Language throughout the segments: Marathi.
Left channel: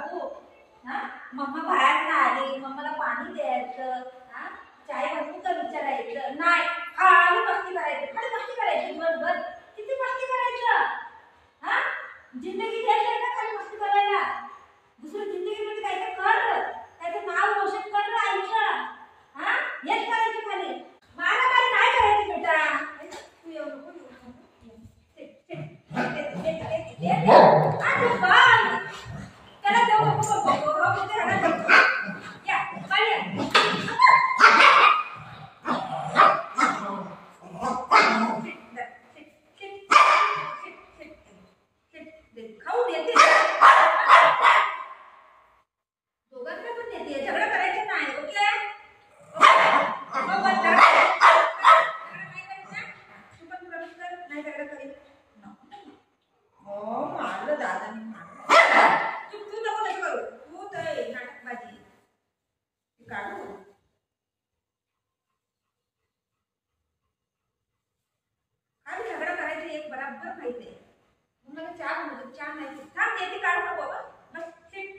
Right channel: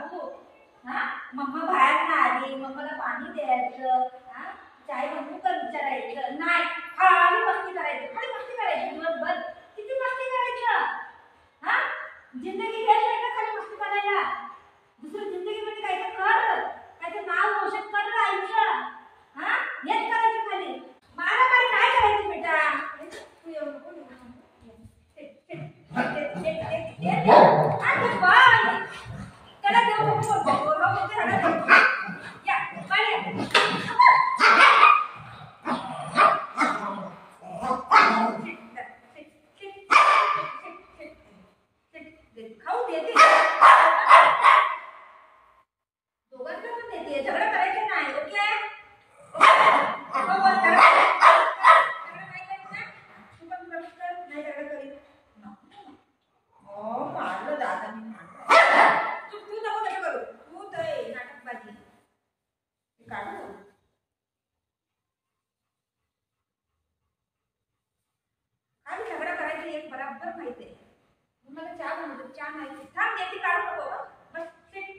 बाबू हा मम्मा बाहेर ना आली मम्माला पाणी द्यायचं हा चाय बनवू का विचारायचं नाही खाली मस्ती करायची दिवसभर किती मस्ती करायचं हा जिंदगी द्यायची का खाली मस्ती करायला दुसरी जिंदगीमध्ये काहीतरी कर त्याचं नाव रोशन कर आयुष्य हा हेच करायचं खाली मारामारी नाही करायची बेटा तू येऊ नको त्याला देऊ नको या पाणी खाऊ देते दोघांना पण देते झगडा करायचं नाही ओके बराबर माहिती आहे मला चहा बनवतो चहा नाही थांब देते काढू नको बस सिट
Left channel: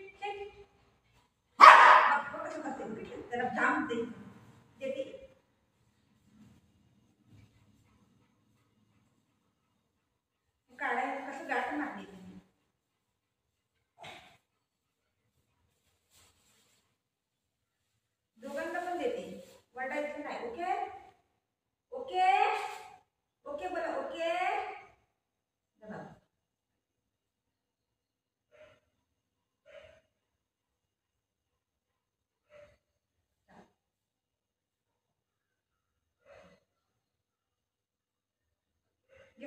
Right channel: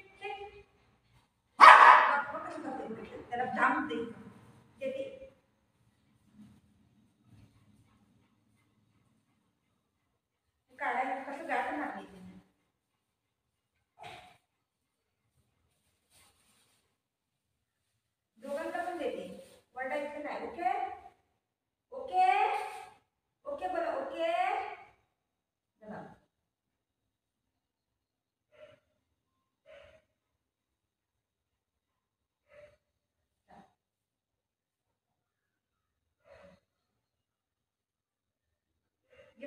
कसं करते त्याला जाम देते काढायला कसं गाठ मारली दोघांना पण देते वरडायचं नाही ओके ओके ओके बोला ओके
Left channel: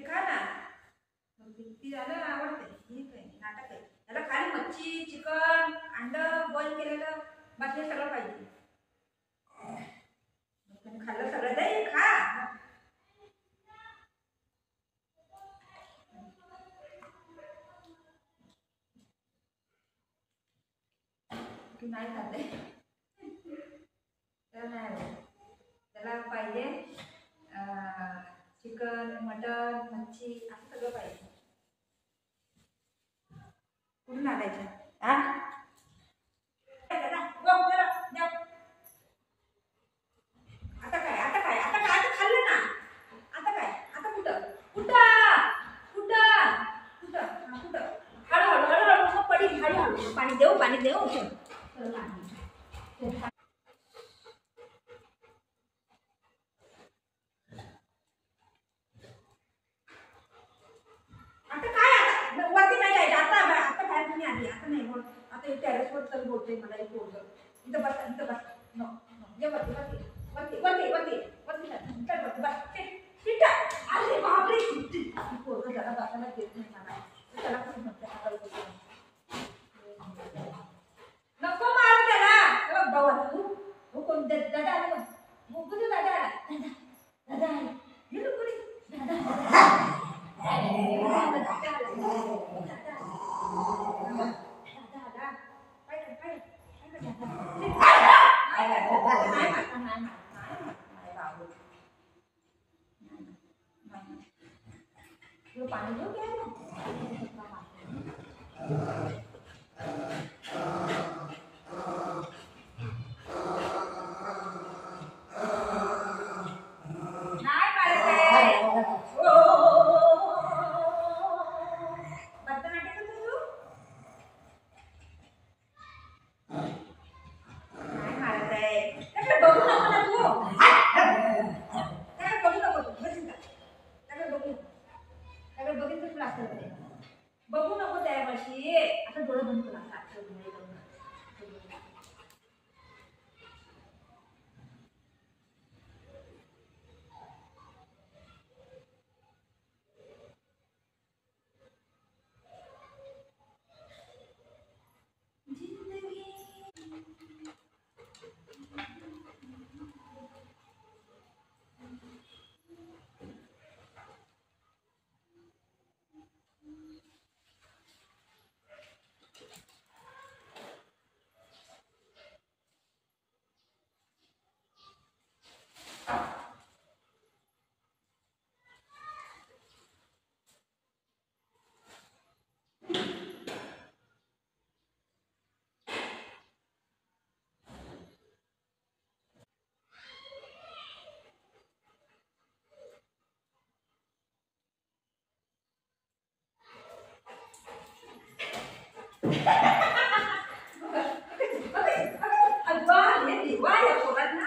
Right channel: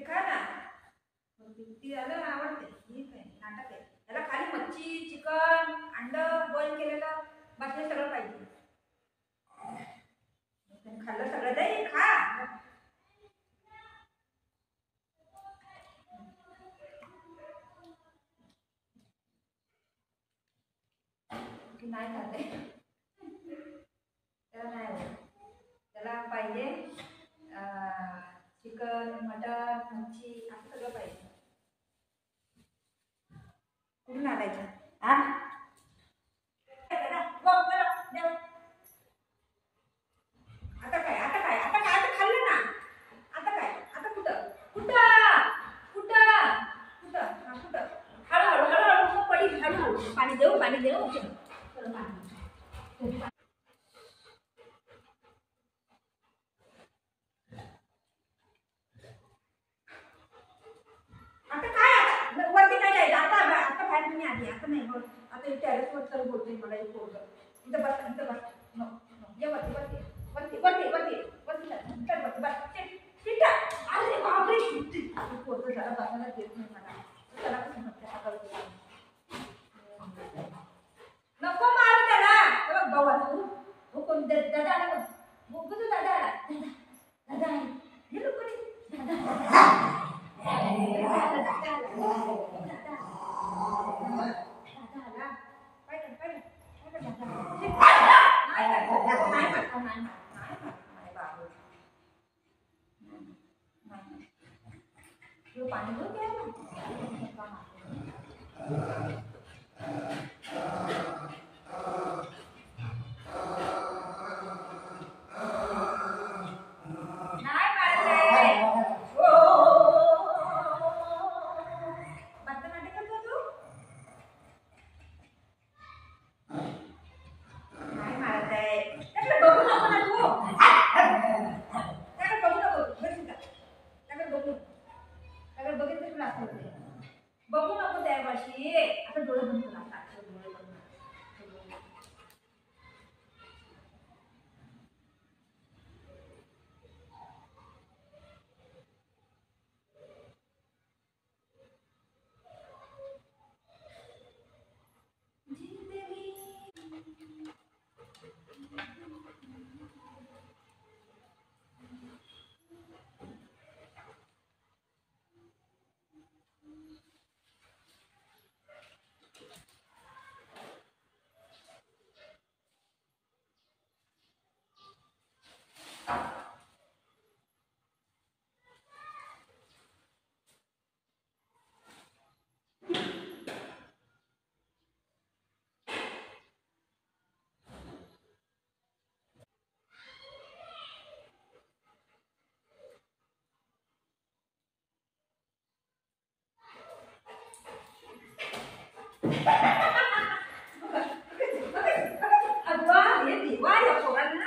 खा ना तिला आवडते ही काय नाटक आहे त्याला खाली मच्छी चिकन अंड बॉईल केलेलं बाकी सगळं पाहिजे खाल्लं सगळं दे खा नाही खाते त्याला नाही त्याला पाहिजे चिकन मटन मच्छी असं सगळं पाहिजे कुठून आणायचं हा आता काय आता काय आता काय आता खाल्लं ना आता काय आता कुठं कुठं कुठं कुठं हा कुठं हळूहळू मग पडी हळूहळू पाणी देऊ आता काय आता वरती नाही जायचं आता बाहेर तुम्ही आली आता नाही मग आता टेरेसवर तर बोलतोय मला एक पोरग इथं बस नो ये वरती अरे बापरे पोरग जरा बसायला देत नाही मला त्याला कसं म्हणते हाताला नको मारू त्याला बाबा तू कोण दादा आला बघू दादा आला हे लोक पाणी बघू नको त्यावर्षी आता डोळे बंद करा डोळे बंद अगं हे देवा या पोरांना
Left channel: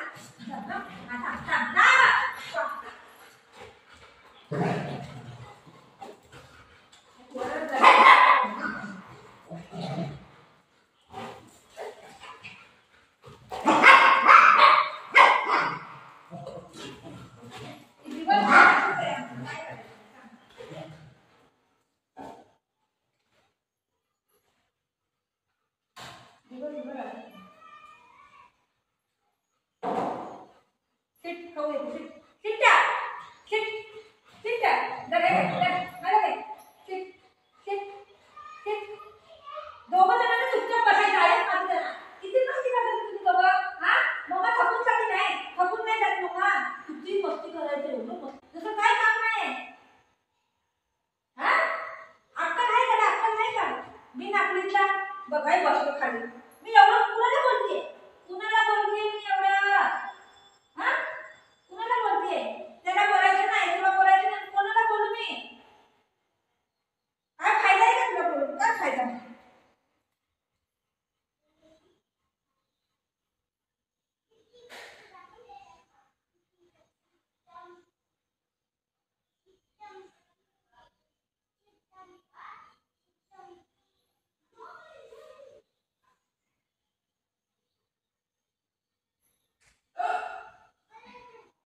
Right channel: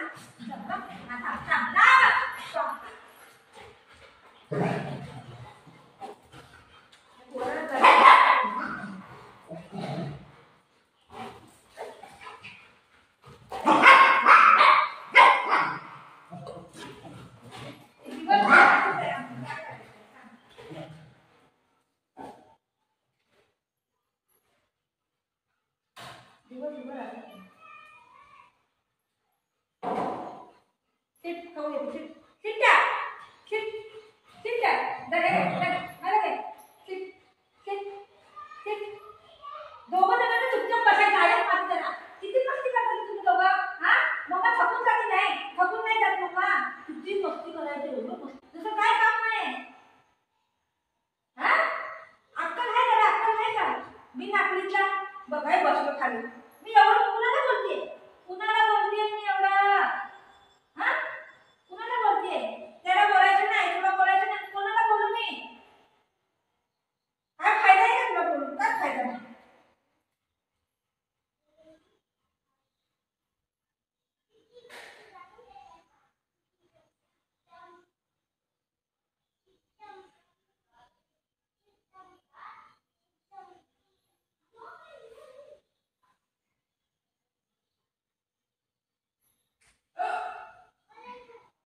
बघाय बसलो खाली